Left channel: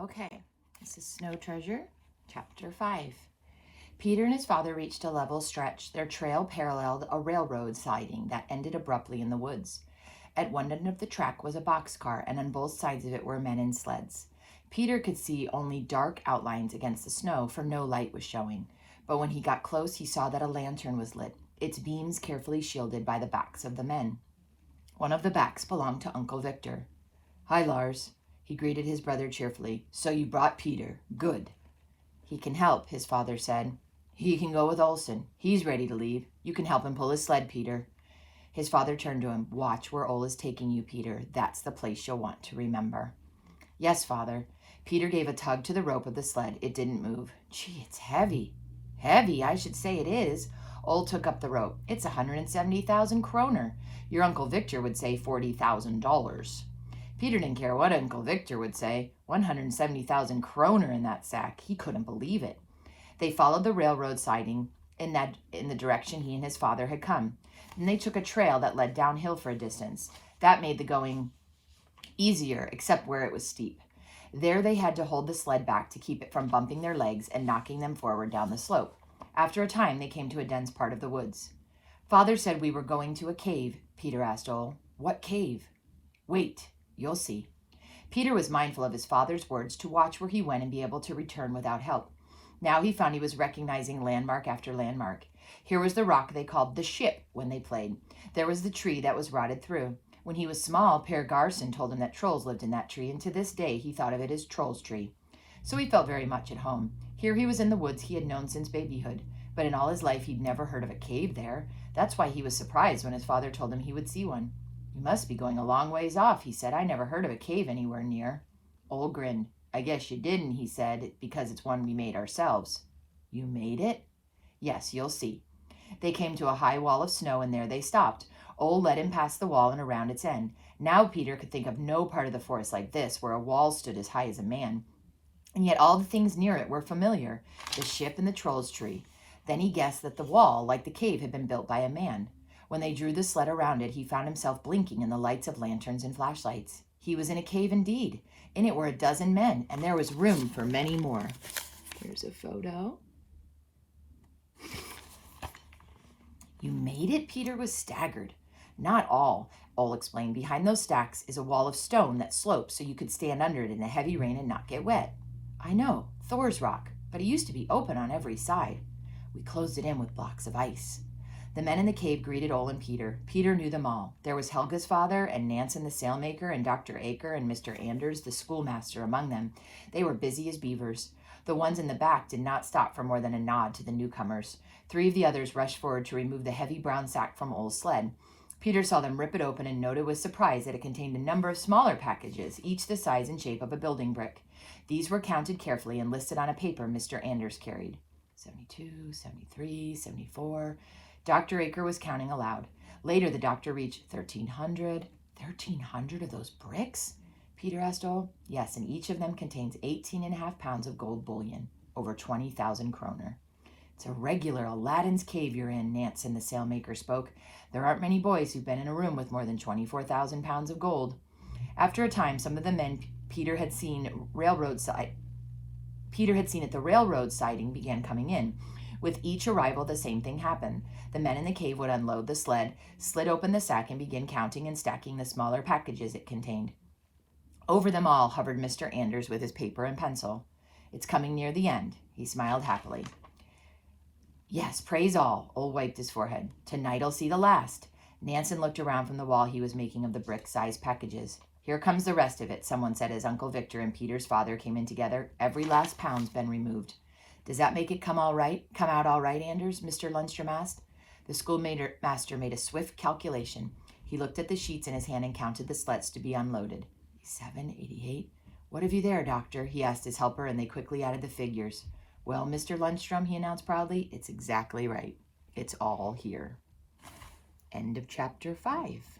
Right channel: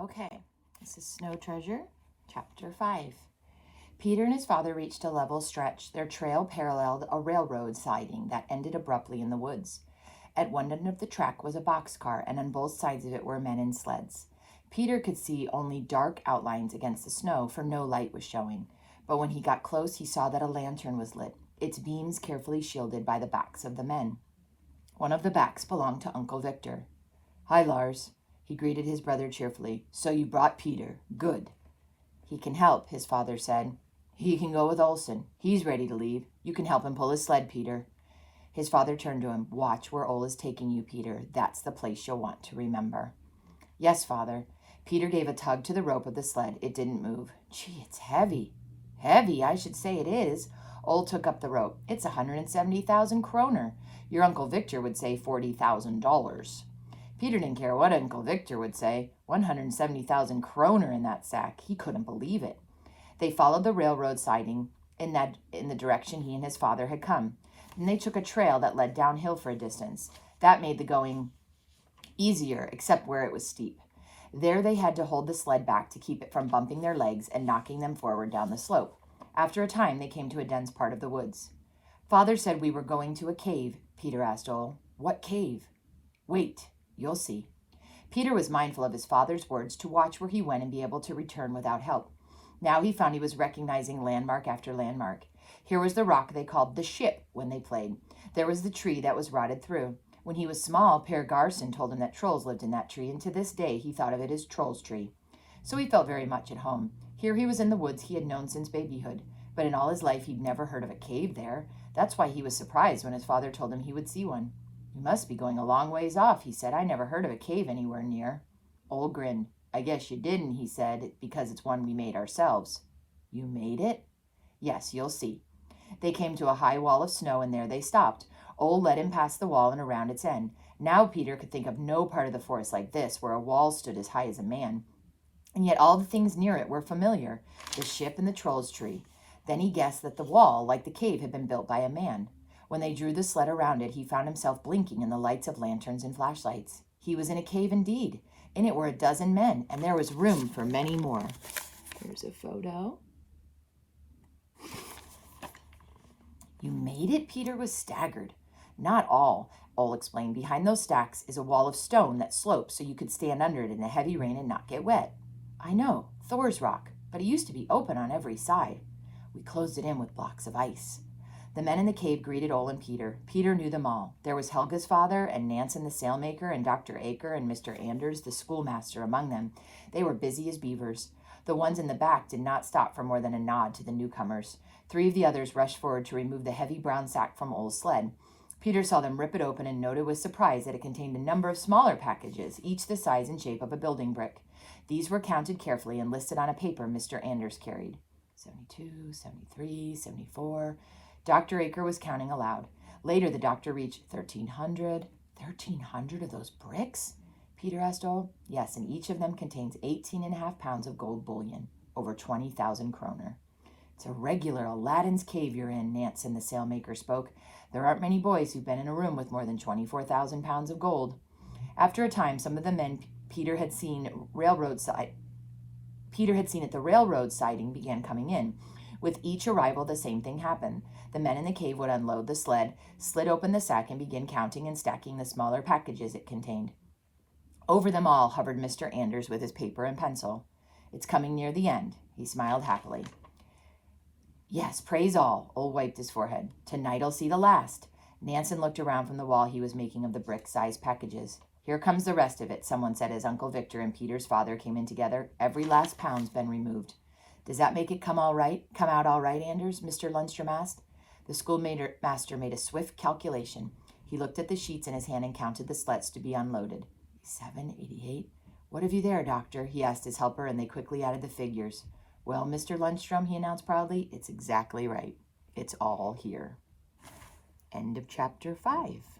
Okay, this is Snow Treasure, Chapter 5. Peter and his father reached a level stretch. Their trail paralleled a railroad siding that ended abruptly in the woods. At one end of the track was a boxcar, and on both sides of it were men in sleds. Peter could see only dark outlines against the snow, for no light was showing. But when he got close, he saw that a lantern was lit, its beams carefully shielded by the backs of the men. One of the backs belonged to Uncle Victor. "Hi, Lars," he greeted his brother cheerfully. "So you brought Peter. Good." "He can help," his father said. "He can go with Olson. He's ready to leave. You can help him pull his sled, Peter." His father turned to him. "Watch where Ole is taking you, Peter. That's the place you'll want to remember." "Yes, father." Peter gave a tug to the rope of the sled. It didn't move. "Gee, it's heavy." "Heavy? I should say it is." Ole took up the rope. "It's 170,000 kroner. Your Uncle Victor would say $40,000. Peter didn't care what Uncle Victor would say. 170,000 kroner in that sack. He couldn't believe it. They followed the railroad siding in the direction he and his father had come. Then they took a trail that led downhill for a distance. That made the going easier, except where it was steep. There they had to hold the sled back to keep it from bumping their legs and knocking them forward down the slope. After a time, they came to a dense part of the woods. "Father said we were going to a cave," Peter asked Ole. "What cave?" "Wait, you'll see." Peter was mindful of his father's words to watch where he went and be able to return without help. Now he found he was recognizing landmark after landmark. Here was the rock they called the Ship when they played. There was the tree that was rotted through. When he was small, Per Garson told him that trolls lived in that tree, and to this day he thought of it as Troll's Tree. So he felt very much at home. Here he was in the woods he had known since babyhood, but in all his life he'd never heard of a cave there. That's why he was surprised when his father told him he would see one. "You must be going a long ways off," he said. "I never heard of a cave anywhere near." Ole grinned. "I guess you didn't," he said, "because it's one we made ourselves." "You made it?" "Yes, you'll see." They came to a high wall of snow, and there they stopped. Ole led him past the wall and around its end. Now Peter could think of no part of the forest like this, where a wall stood as high as a man. And yet all the things near it were familiar, the ship and the Troll's Tree. Then he guessed that the wall, like the cave, had been built by a man. When they drew the sled around it, he found himself blinking in the lights of lanterns and flashlights. He was in a cave indeed. In it were a dozen men, and there was room for many more. Here's a photo. "You made it?" Peter was staggered. "Not all," Ole explained. "Behind those stacks is a wall of stone that slopes so you could stand under it in the heavy rain and not get wet." "I know, Thor's rock, but it used to be open on every side. We closed it in with blocks of ice." The men in the cave greeted Ole and Peter. Peter knew them all. There was Helga's father and Nansen the sailmaker and Dr. Aker and Mr. Anders the schoolmaster among them. They were busy as beavers. The ones in the back did not stop for more than a nod to the newcomers. 3 of the others rushed forward to remove the heavy brown sack from Ole's sled. Peter saw them rip it open and noted with surprise that it contained a number of smaller packages, each the size and shape of a building brick. These were counted carefully and listed on a paper Mr. Anders carried. 72, 73, 74. Dr. Aker was counting aloud. Later, the doctor reached 1,300. 1,300 of those bricks? Peter asked Ole. "Yes, and each of them contains 18.5 pounds of gold bullion, over 20,000 kroner. It's a regular Aladdin's cave you're in," Nansen the sailmaker spoke. "There aren't many boys who've been in a room with more than 24,000 pounds of gold." After a time, some of the men Peter had seen at the railroad siding began coming in. With each arrival, the same thing happened. The men in the cave would unload the sled, slid open the sack, and begin counting and stacking the smaller packages it contained. Over them all hovered Mr. Anders with his paper and pencil. "It's coming near the end." He smiled happily. "Yes, praise all." Ole wiped his forehead. "Tonight I'll see the last." Nansen looked around from the wall he was making of the brick-sized packages. "Here comes the rest of it," someone said as Uncle Victor and Peter's father came in together. "Every last pound's been removed." "Does that make it come out all right, Anders?" Mr. Lundstrom asked. The schoolmaster made a swift calculation. He looked at the sheets in his hand and counted the sleds to be unloaded. 87, 88. "What have you there, doctor?" he asked his helper, and they quickly added the figures. "Well, Mr. Lundstrom," he announced proudly, "it's exactly right. It's all here." End of chapter 5.